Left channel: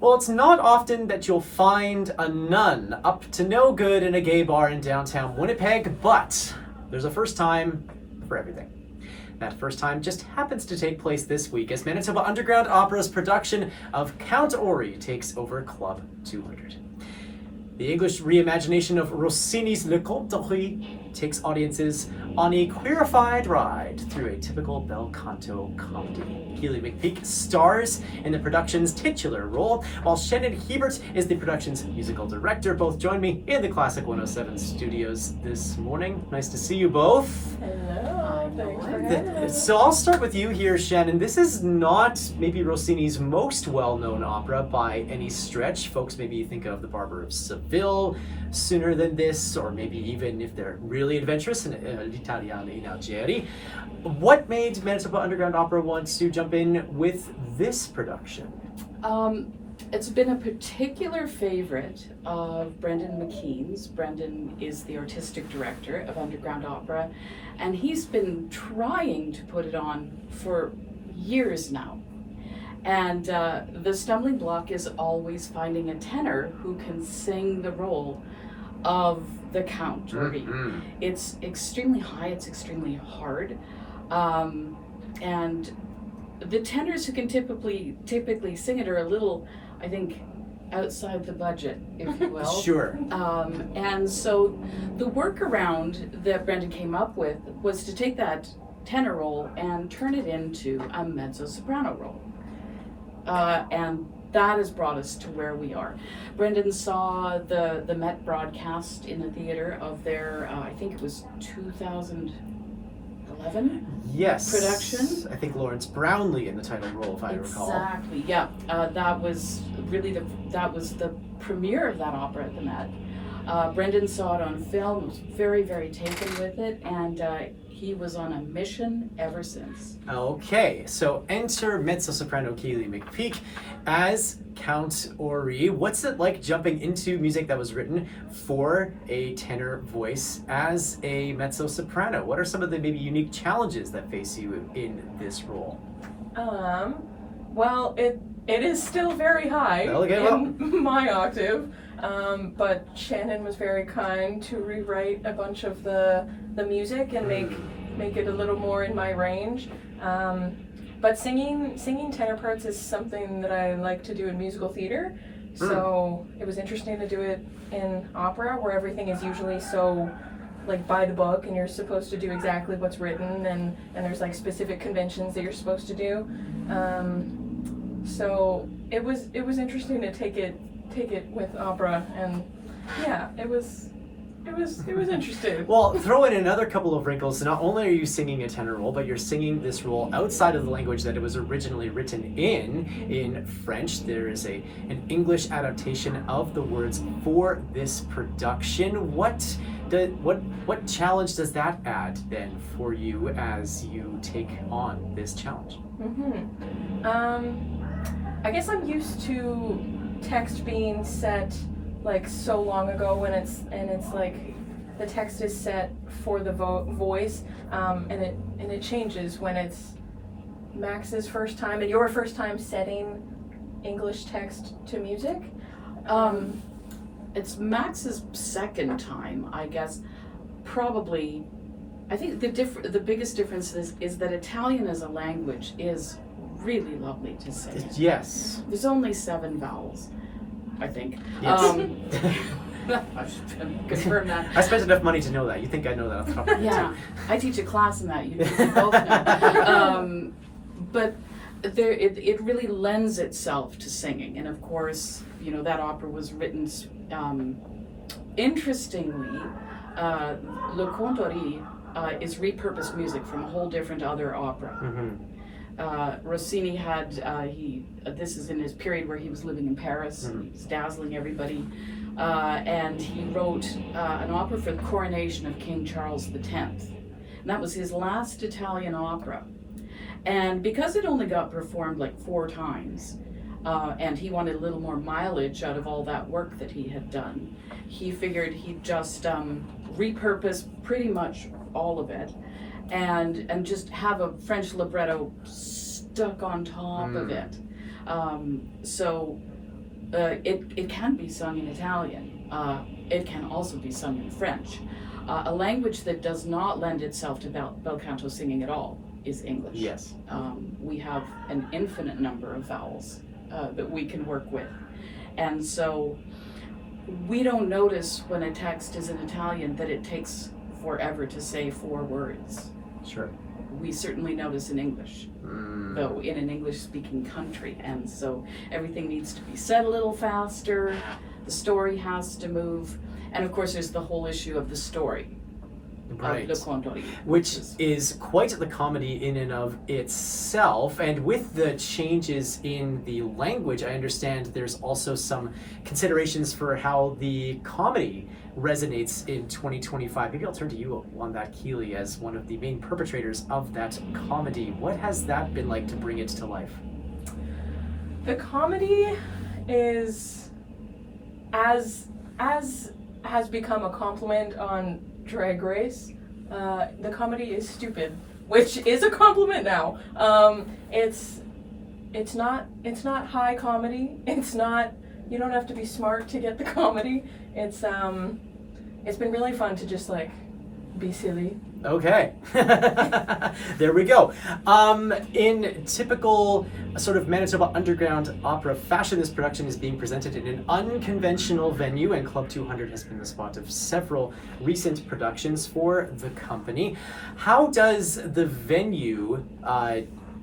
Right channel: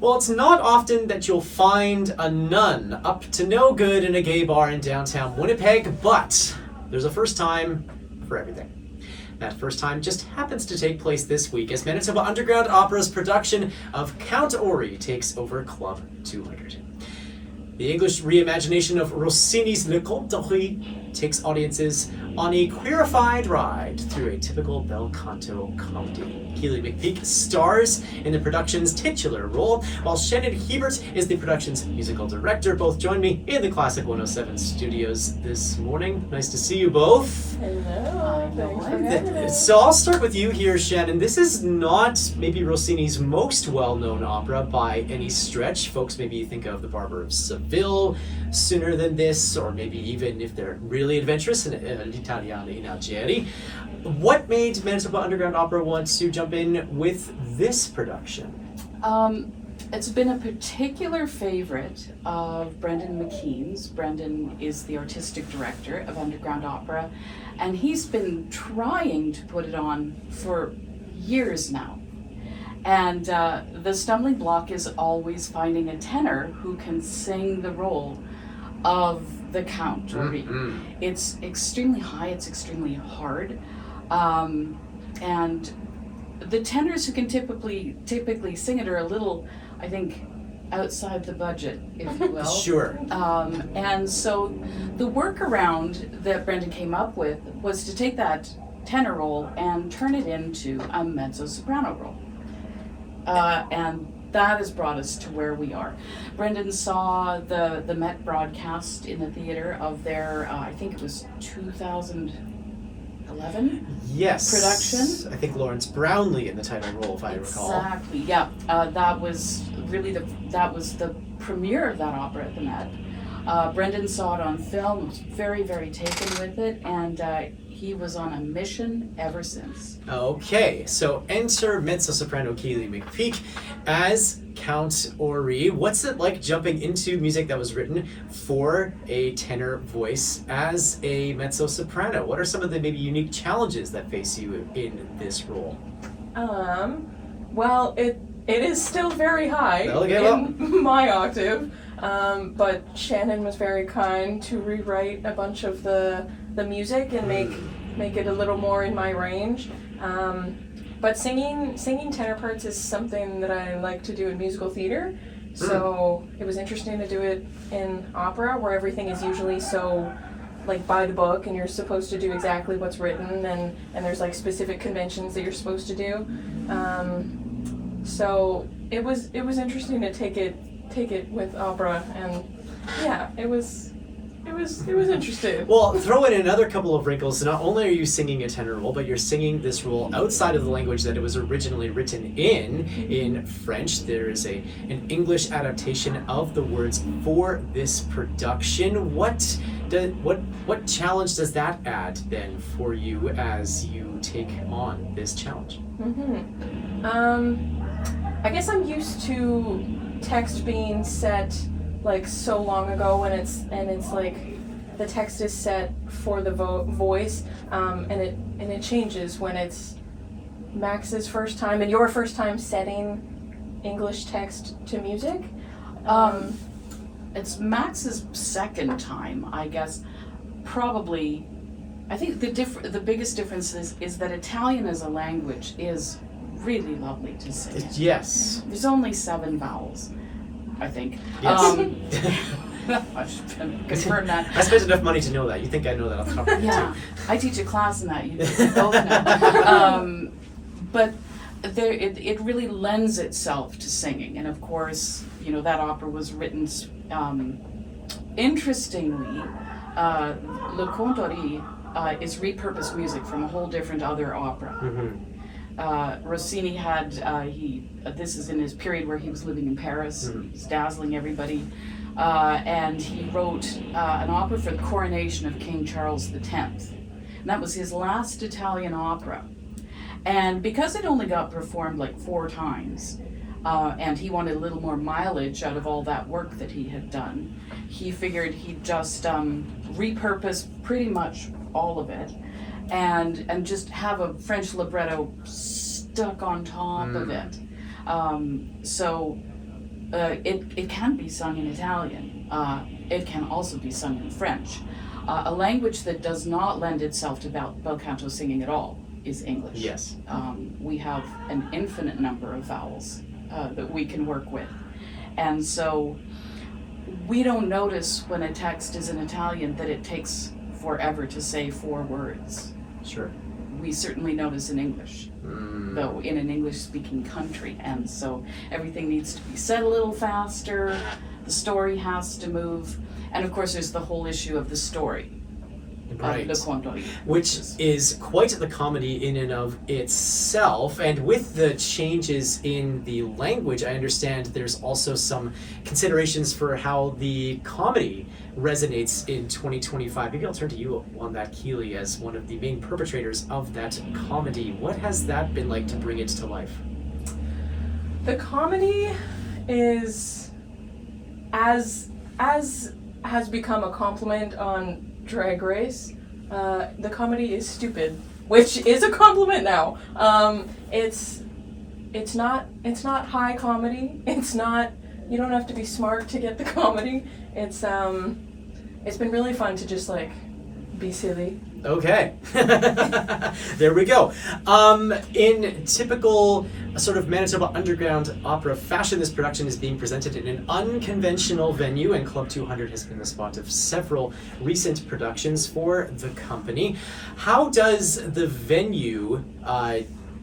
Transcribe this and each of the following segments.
Well, it's not often that you'll find a nun up to no good in a gay bar in downtown Winnipeg, but there's a first time for everything. That first time just happens to take place this week as Manitoba Underground Opera's production of Count Ori takes over Club 200. The English reimagination of Rossini's Le Conte d'Ori takes audiences on a queerified ride through a typical bel canto comedy. Keely McPeek stars in the production's titular role, while Shannon Hiebert is the production's musical director. Both join me in the Classic 107 studios this morning. Nice to see you both. Hello, thanks for having us. So I'll start with you here, Shannon. This is not maybe Rossini's most well-known opera by any stretch. Folks maybe think of The Barber of Seville sooner than this, or maybe even if they're really adventurous, L'Italiana in Algeri. What made Manitoba Underground Opera want to jump in with this production? It's been a particular favorite of Brendan McKean's. Brendan is the artistic director of Underground Opera, and he's been trying to put it on for years now. And the stumbling block is always finding a tenor who can sing the role of the Count. Mm-hmm. It's extremely high, it's extremely hard. And the tenors who can typically sing it are a little, I think, outside the budget, if you will. Sure. And so the workaround that Brendan came up with was to take that tenor role and turn it into a mezzo-soprano role. And that has brought us to where we are. Brendan saw the Met broadcast in the theater of their, I think it was 2011 Yes. production. I think Lawrence Brownlee in the title role, if I recall. Exactly, yeah. That was really that was the premiere of that opera at the Met. Brendan saw it on film, was very, very taken with it, and he was on a mission ever since. Okay, so enter mezzo-soprano Keely McPeek as Count Ori. What's it like jumping into music that was written for a tenor voice as a mezzo-soprano? What are some of the maybe unique challenges that face you in this role? Well, it is still very high in my octave, but Shannon was very kind to rewrite a bunch of the music and make it a little more in my range. But singing tenor parts is something that I like to do in musical theater, so it was interesting to do it in opera, where everything is usually so like by the book, and you're supposed to do exactly what's written, and there's like specific conventions that you're supposed to do. So it was interesting to take it with opera, and yeah, it was interesting. Well, throw in another couple of wrinkles. Not only are you singing a tenor role, but you're singing this role outside of the language that it was originally written in French. There is an English adaptation of the words for this production. What challenge does that add then for you as you take on this challenge? I guess I'm used to text being set like so long ago, and it's like the text is set for the voice, and it changes when it's Max's first time and your first time setting English text to music. It's Max's second time, I guess. Probably, I think the biggest difference is that Italian as a language is really lovely to sing. Yes. There's only 7 vowels, I think. Yes. I should confirm that. I spent enough money to know that. You think I know that off the top of my head Yeah, I teach a class in that. You both know. But it really lends itself to singing, and of course, you know, that opera was written. Interestingly, Le Conte d'Ori is repurposed music from a whole different other opera. Rossini had this is in his period where he was living in Paris. He was dazzling everybody. And he wrote an opera for the coronation of King Charles X. And that was his last Italian opera. And because it only got performed like 4 times, and he wanted a little more mileage out of all that work that he had done, he figured he'd just repurpose pretty much all of it and just have a French libretto stuck on top of it. So it can be sung in Italian. It can also be sung in French. A language that does not lend itself to bel canto singing at all is English. Yes. We have an infinite number of vowels that we can work with. And so we don't notice when a text is in Italian that it takes forever to say 4 words. Sure. We certainly notice in English, though in an English-speaking country. And so everything needs to be said a little faster, the story has to move, and of course there's the whole issue of the story. Right. Le contori. Which is quite the comedy in and of itself. And with the changes in the language, I understand there's also some considerations for how the comedy resonates in 2025. Maybe I'll turn to you on that, Keely, as one of the main perpetrators of that comedy. What has that been like to bring it to life? The comedy is, as has become a compliment on Drag Race, the comedy is stupid, which is a compliment now. It's not high comedy. It's not, you don't have to be smart to get the comedy. It's been really fun to just like be silly. Okay. There we go. In typical sort of Manitoba Underground Opera fashion, this production is being presented in an unconventional venue, and Club 200 has been the spot of several recent productions for the company. How does the venue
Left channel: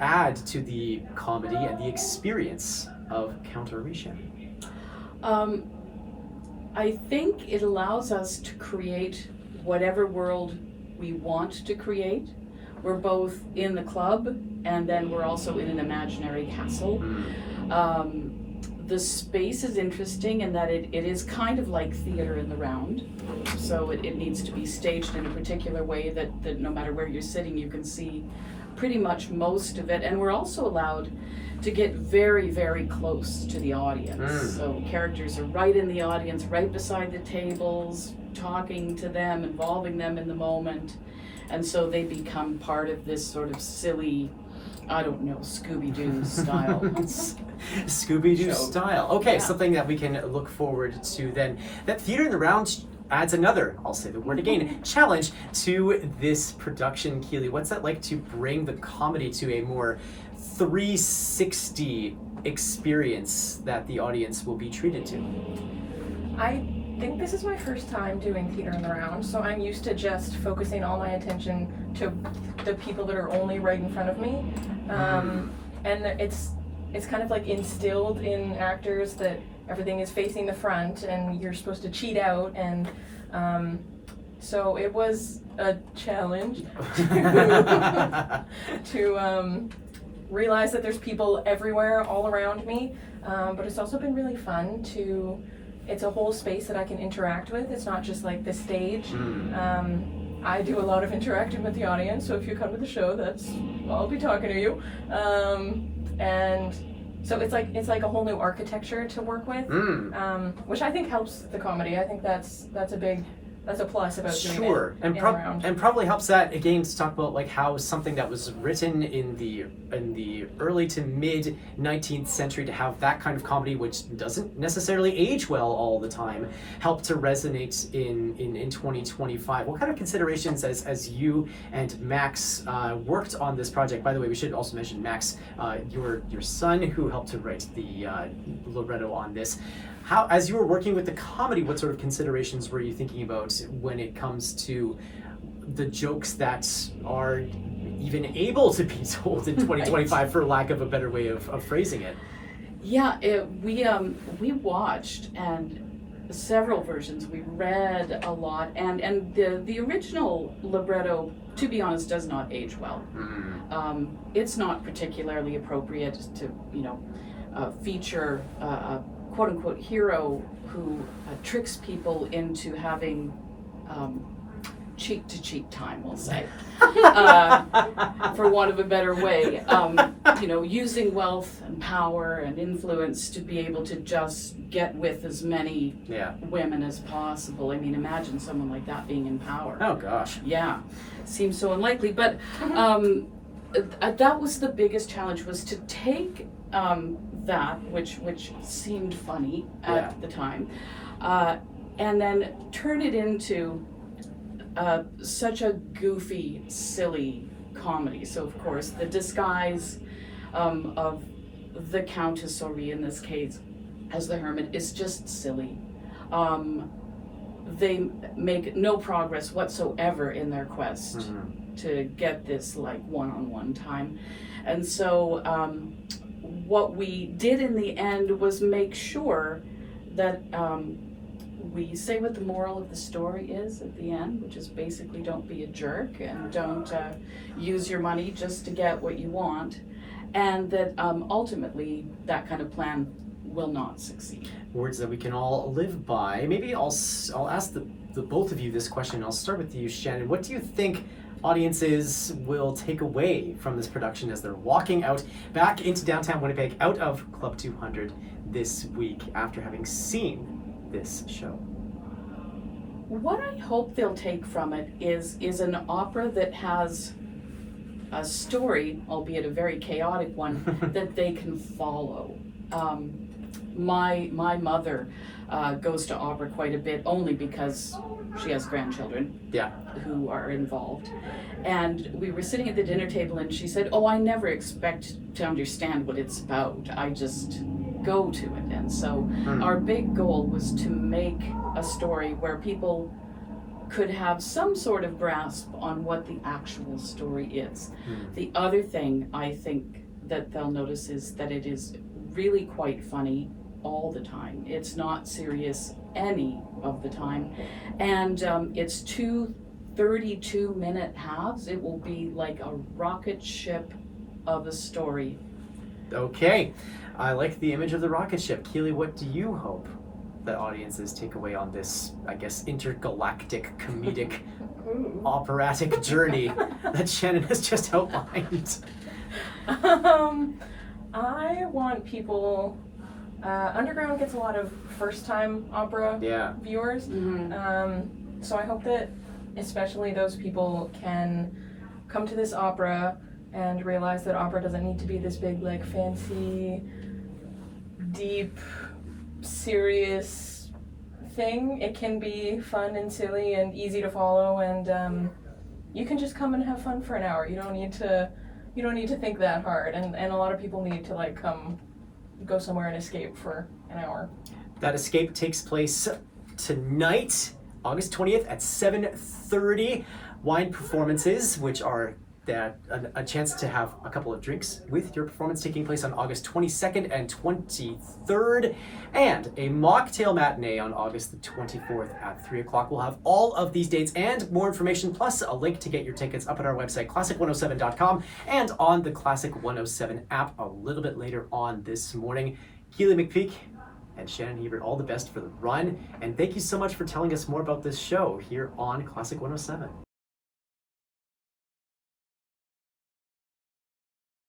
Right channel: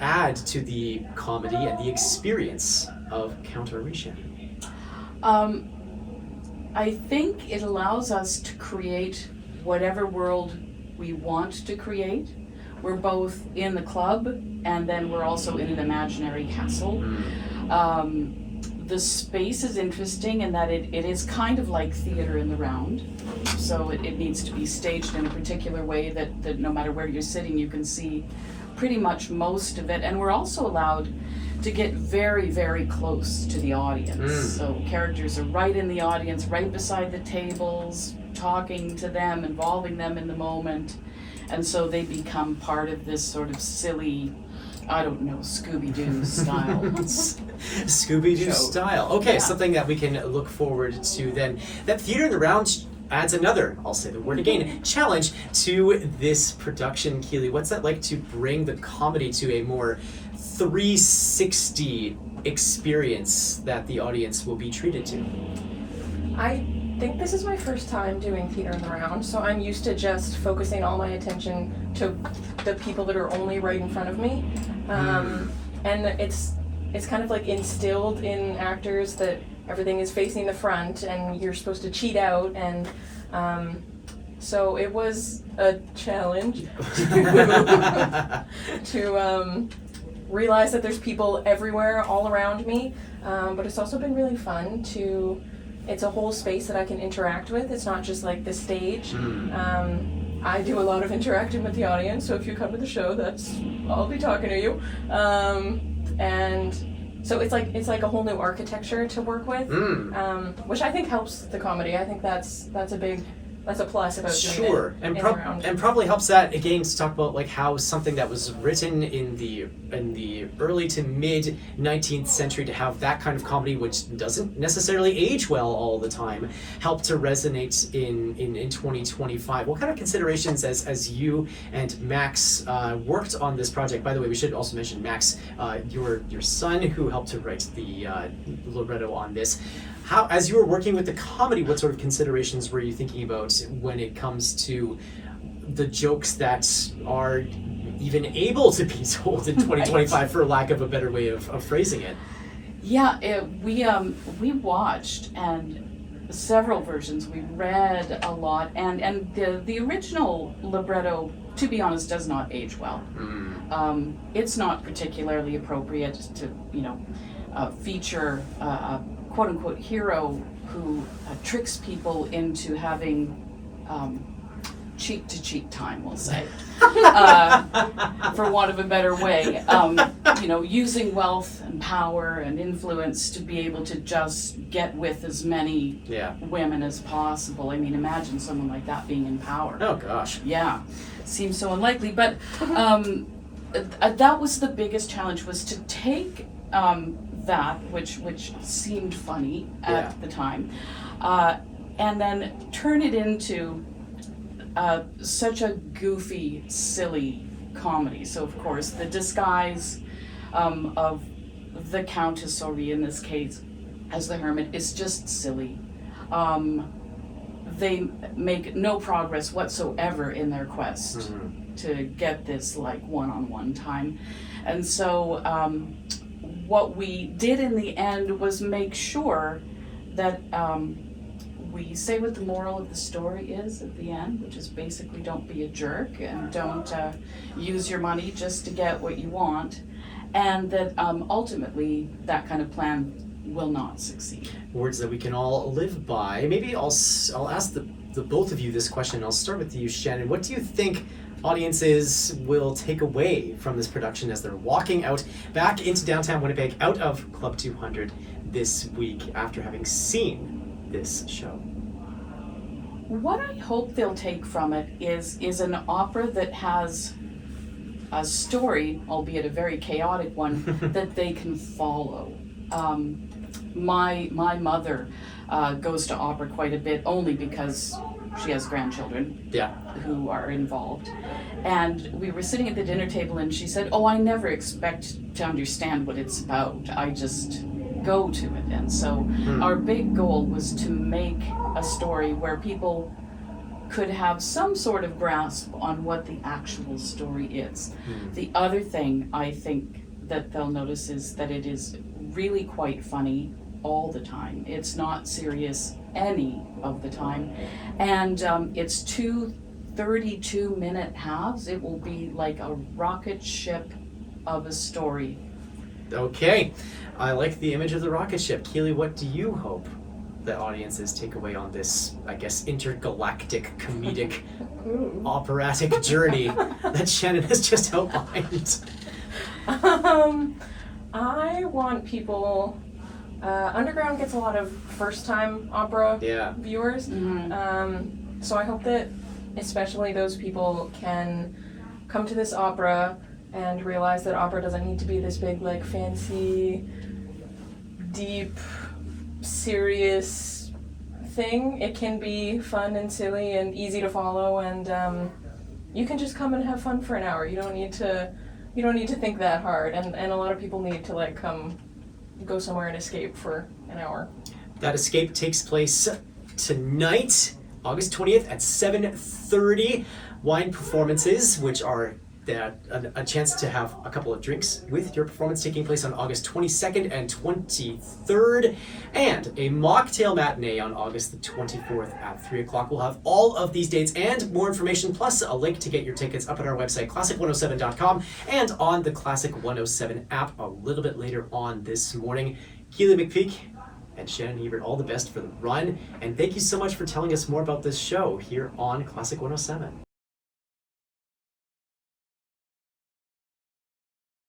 add to the comedy and the experience of Count Orishan? I think it allows us to create whatever world we want to create. We're both in the club, and then we're also in an imaginary castle. The space is interesting in that it is kind of like theater in the round. So it needs to be staged in a particular way that no matter where you're sitting, you can see pretty much most of it. And we're also allowed to get very, very close to the audience. So characters are right in the audience, right beside the tables, talking to them, involving them in the moment. And so they become part of this sort of silly, I don't know, Scooby-Doo style. Scooby-Doo show. Style. Okay, Yeah. something that we can look forward to then. That theater in the round adds another, I'll say the word again, challenge to this production. Keely, what's that like to bring the comedy to a more 360 experience that the audience will be treated to? I think this is my first time doing theater in the round, so I'm used to just focusing all my attention to the people that are only right in front of me. And it's kind of like instilled in actors that everything is facing the front and you're supposed to cheat out, and so it was a challenge to realize that there's people everywhere all around me, but it's also been really fun to, it's a whole space that I can interact with. It's not just like the stage. I do a lot of interacting with the audience, so if you come to the show, I'll be talking to you. And so it's like a whole new architecture to work with, which I think helps the comedy. I think that's a plus about doing it and in the round. and probably helps that again to talk about like how something that was written in the early to mid 19th century, to have that kind of comedy, which doesn't necessarily age well all the time, help to resonate in 2025. What kind of considerations as you and Max worked on this project? By the way, we should also mention Max, your son, who helped to write the libretto on this. How, as you were working with the comedy, what sort of considerations were you thinking about when it comes to the jokes that are even able to be told in 2025, for lack of a better way of phrasing it? Yeah, we watched and several versions. We read a lot, and the original libretto, to be honest, does not age well. It's not particularly appropriate to feature a quote-unquote hero who tricks people into having cheek-to-cheek time, we'll say, for want of a better way. Using wealth and power and influence to be able to just get with as many women as possible. I mean, imagine someone like that being in power. Oh gosh. Yeah, seems so unlikely. But that was the biggest challenge, was to take that, which seemed funny at Yeah. the time, and then turn it into such a goofy, silly comedy. So of course the disguise of the Countess Sori in this case as the hermit is just silly. They make no progress whatsoever in their quest to get this like one-on-one time. And so what we did in the end was make sure that we say what the moral of the story is at the end, which is basically don't be a jerk and don't use your money just to get what you want, and that ultimately that kind of plan will not succeed. Words that we can all live by. Maybe I'll ask the both of you this question. I'll start with you, Shannon. What do you think audiences will take away from this production as they're walking out back into downtown Winnipeg out of Club 200 this week after having seen this show? What I hope they'll take from it is an opera that has a story, albeit a very chaotic one, that they can follow. My mother goes to opera quite a bit only because she has grandchildren who are involved. And we were sitting at the dinner table and she said, "Oh, I never expect to understand what it's about. I just go to it." And so our big goal was to make a story where people could have some sort of grasp on what the actual story is. The other thing I think that they'll notice is that it is really quite funny all the time. It's not serious any of the time. And it's 2 32-minute halves. It will be like a rocket ship of a story. Okay, I like the image of the rocket ship. Keely, what do you hope that audiences take away on this, I guess, intergalactic, comedic, operatic journey that Shannon has just outlined? I want people. Underground gets a lot of first-time opera viewers, so I hope that especially those people can come to this opera and realize that opera doesn't need to be this big, like, fancy, deep, serious thing. It can be fun and silly and easy to follow, and you can just come and have fun for an hour. You don't need to think that hard, and a lot of people need to like go somewhere and escape for an hour. That escape takes place tonight, August 20th at 7:30. Wine performances, which are a chance to have a couple of drinks with your performance, taking place on August 22nd and 23rd, and a mocktail matinee on August the 24th at 3 o'clock. We'll have all of these dates and more information, plus a link to get your tickets up at our website, classic107.com, and on the Classic 107 app a little bit later on this morning. Keely McPeek and Shannon Hiebert, all the best for the run, and thank you so much for telling us more about this show here on Classic 107.